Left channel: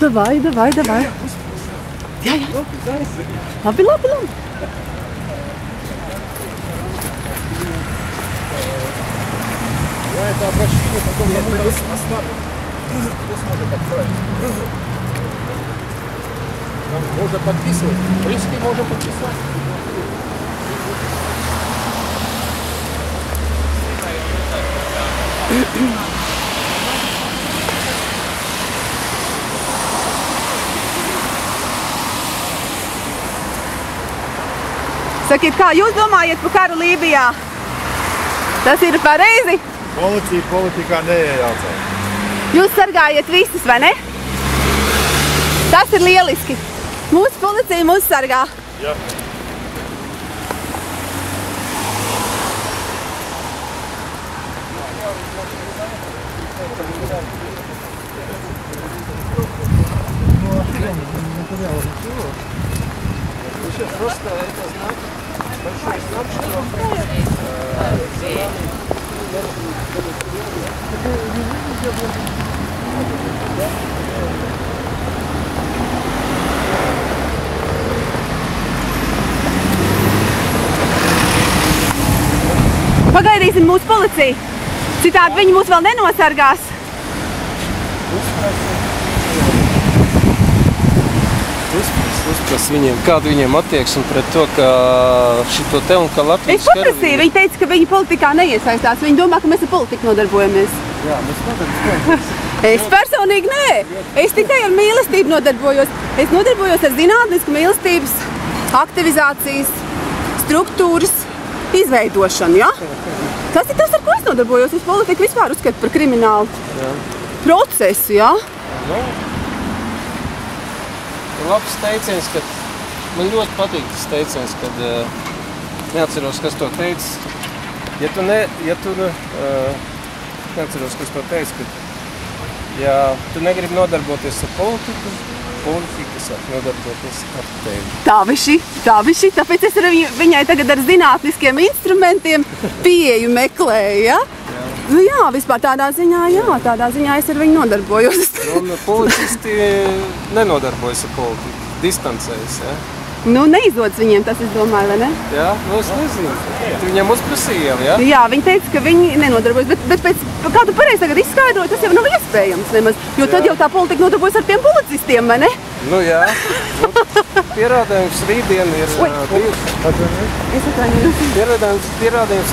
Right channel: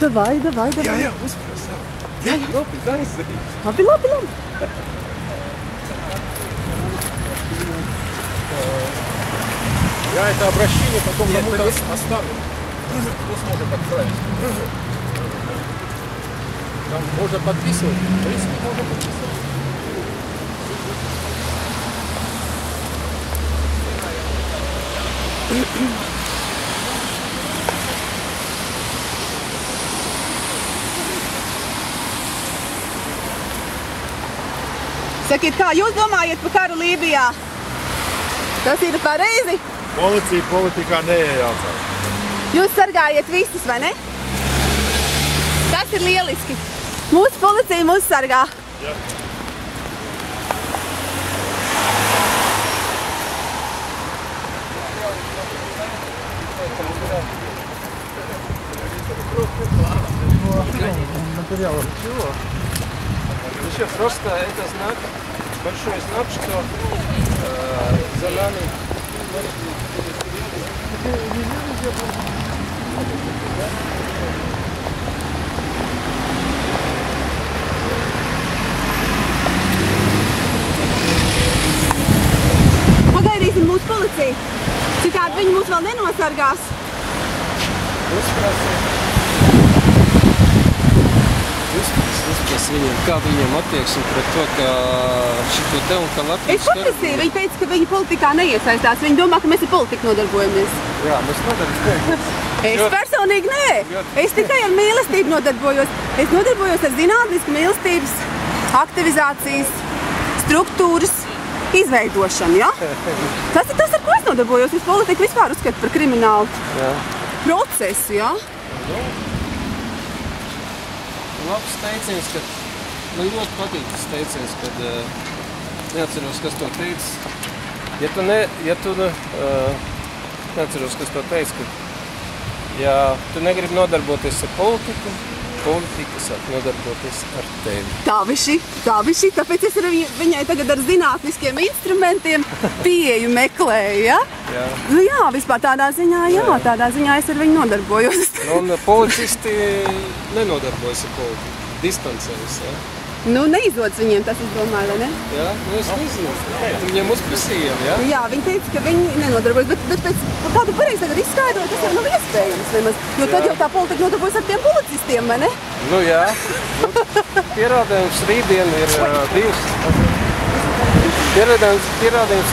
Davai. Jā. Labi. Я это обращение потом кому-то оставлю. Кто сможет отправить? Там можно подписывать. В принципе, можно подписать. Sakiet, kā jūs domājat par karu Lībijā? Tas ir pareizi? Policija politikā neiejaucās. Jūs sargājat visus, vai ne? Tas ir lieliski. Mūsu policija mūs sargā. Jā. Еще просто это знак, большой знак, что за нами Pagaidīsim mūsu policiju. Citādi viņi mūs vēl nenosargās. Uzpras viņiem, kādu viņiem attieksmi pret to, ka šito te un ka Latvijas... Es paprasīju, viņi teica, ka viņi politikā neiesaistās. Viņi domā, ka mēs ar politiku nodarbojamies. Jā, mēs nodarbojamies. Es personīgi nē. Es tikai ar mīlestību nodarbojos. Es nodarbojos ar zinātnisku mīlestības aktivizācijas struktūras izveidošanu, ja? Tas ir tas, ar ko es nodarbojos. Es politiku vispār uzskatu par kriminālu procesu, ja? Labs teiciens, kad man ļoti patīk tas teiciens, kad neatceros, kas to teica. Neatceros, kas to teica, kad ja tu negribi nodarboties ar politiku, politika sāk nodarboties ar tevi. Tā viši, tāpēc es viņai tagad ar zinātniskiem instrumentiem pieeju meklēju, ja? Nu jā, vispār tādā ziņā es ar viņu nodarbojos. Un policisti nenodarbojas ar politiku, distancējas, ja? Nu, neizdodas viņiem tas, es domāju, vai ne? Jā, nu es nezinu. Viņiem uzprasījām, ja? Jā, viņi teica, ka viņi nenodarbojas, bet pēc kā tu pareizi tagad izskaidroji, tas jau nav iespējams nemaz, jo tad jau tā politika nodarbojas ar tiem policistiem, vai ne? Nu jā, pierādījums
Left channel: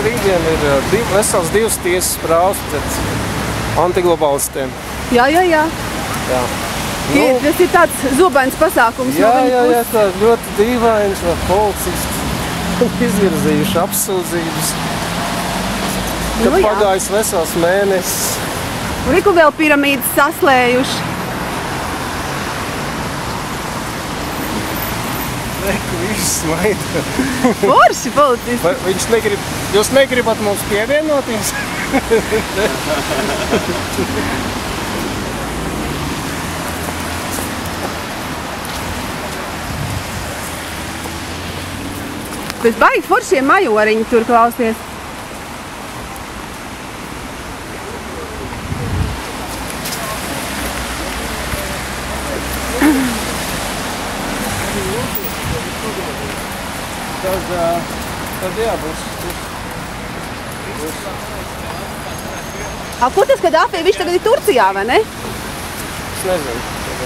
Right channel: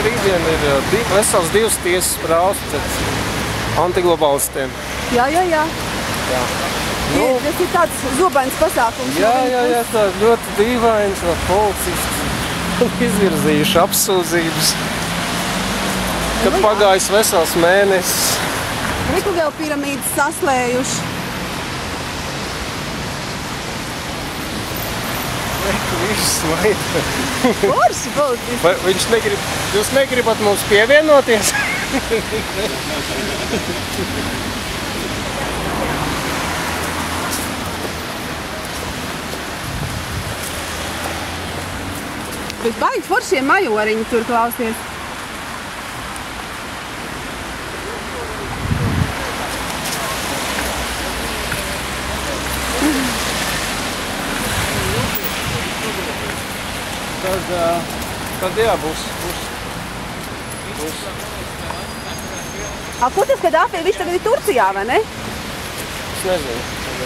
rītdien ir vesels divas tiesas prāvas pret antiglobālistiem. Jā. Jā. Nu, tas ir tāds zobains pasākums. Jā, tā ļoti dīvains, policisti izvirzījuši apsūdzības, kad pagājis vesels mēnesis. Riku vēl piramīdas saslējuši. Reku, viņš smaida. Forši policisti. Vai viņš negrib, jūs negribat mums pievienoties? Bet baigi foršie majoriņi tur klausies. Tad jā, būs. Ko tas, kad Afī, viņš tagad ir Turcijā, vai ne? Es nezinu.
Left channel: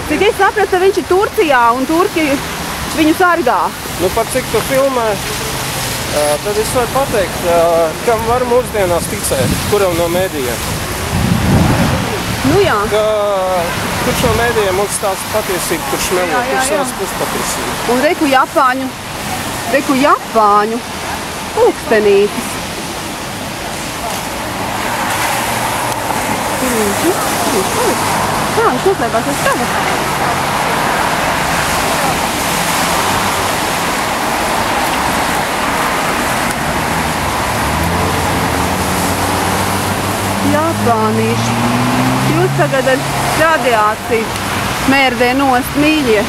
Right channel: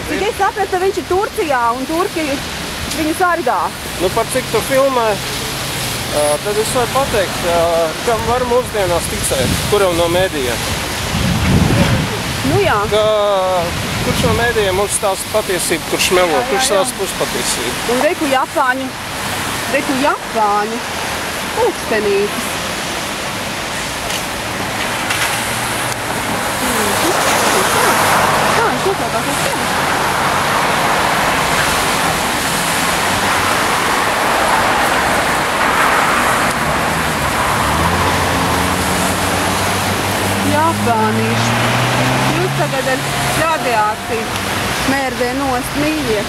Bet es sapratu, ka viņš ir Turcijā un Turki viņu sargā. Nu, par cik tu filmē, tad es varu pateikt, kam var mūsdienās ticēt, kuram no mēdījiem. Nu jā. Kurš no mēdījiem mums stāsta patiesību, kurš melo, kurš stāsta puspatiesību. Un reku Japāņu pulkstenītis. Kā viņš noslēpās uz tevi? Japānīši. Jūs tagad ar radiāciju mērdē nost, mīļie.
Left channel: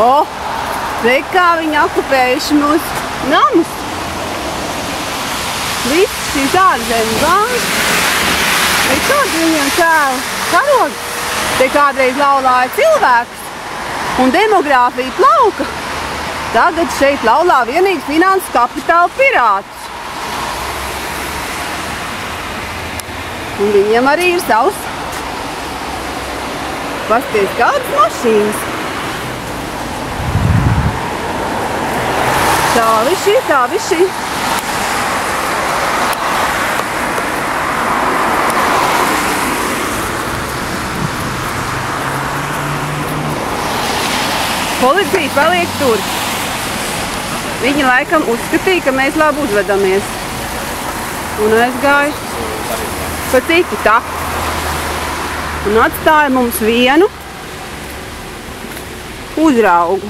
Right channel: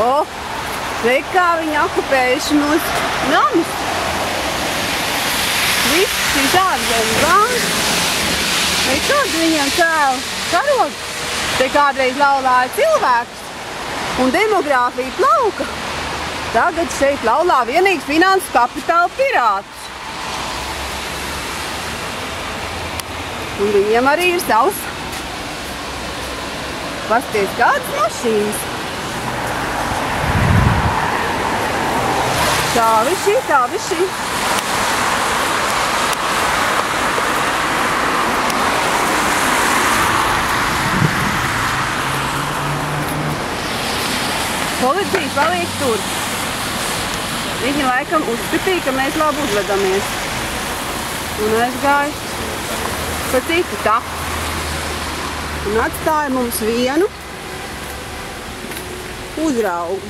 O, re kā viņi okupējuši mūsu namus. Viss šīs ārzemes bankas. Vai kādu viņiem cēla karogu? Te kādreiz laulāja cilvēkus un demogrāfija plauka. Tagad šeit laulā vienīgi finansu kapitāla pirātus. Un viņiem arī ir savs. Pasties kādas mašīnas. Tā višķi, tā višķi. Policija paliek tur. Viņi laikam uzskatīja, ka mēs labi uzvedamies. Un aizgāja pa citu taku. Un atstāja mums vienu uzraugu.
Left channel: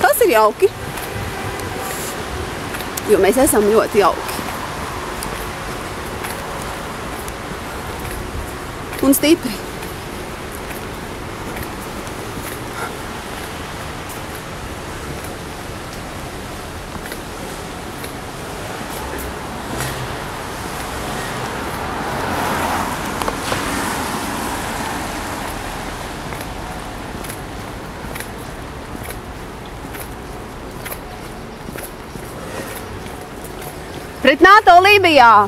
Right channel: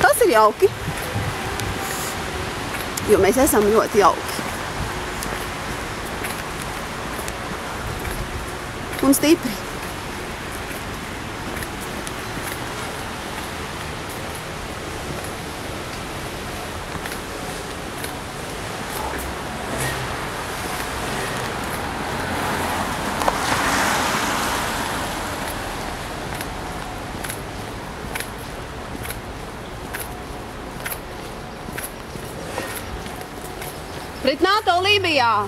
Tas ir jauki. Jo mēs esam ļoti jauki. Un stipri. Pret NATO Lībijā!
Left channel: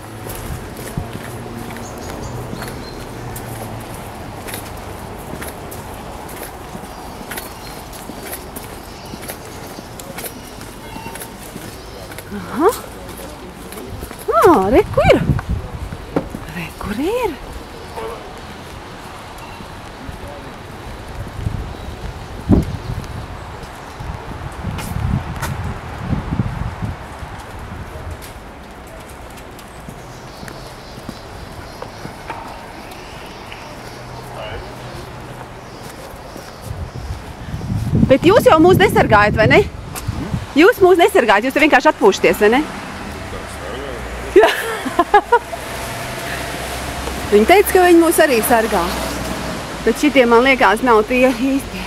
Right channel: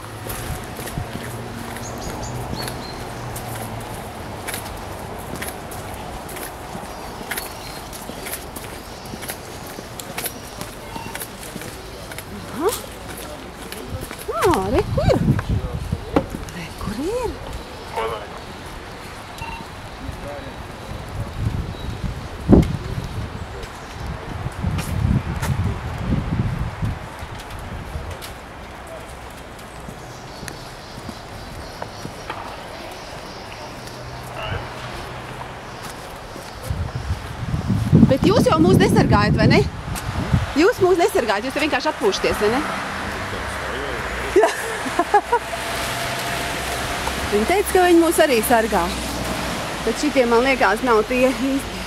Aha! Re, kur ir? Re, kur ir? Bet jūs jau mūs nesargājat, vai ne? Jūs mūs nesargājat, jūs te vienkārši atpūšaties, vai ne? Jā. Viņi teica, ka viņi mūs arī sargā. Bet šitie, man liekas, nav tie īsti.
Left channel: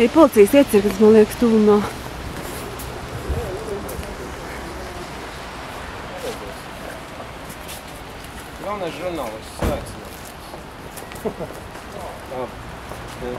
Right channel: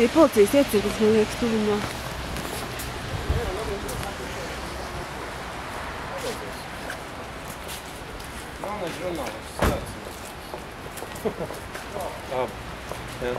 Tie policijas iecirklis, man liekas, tuvumā. Galvenais žurnālists sveicināt. Tā. Jā.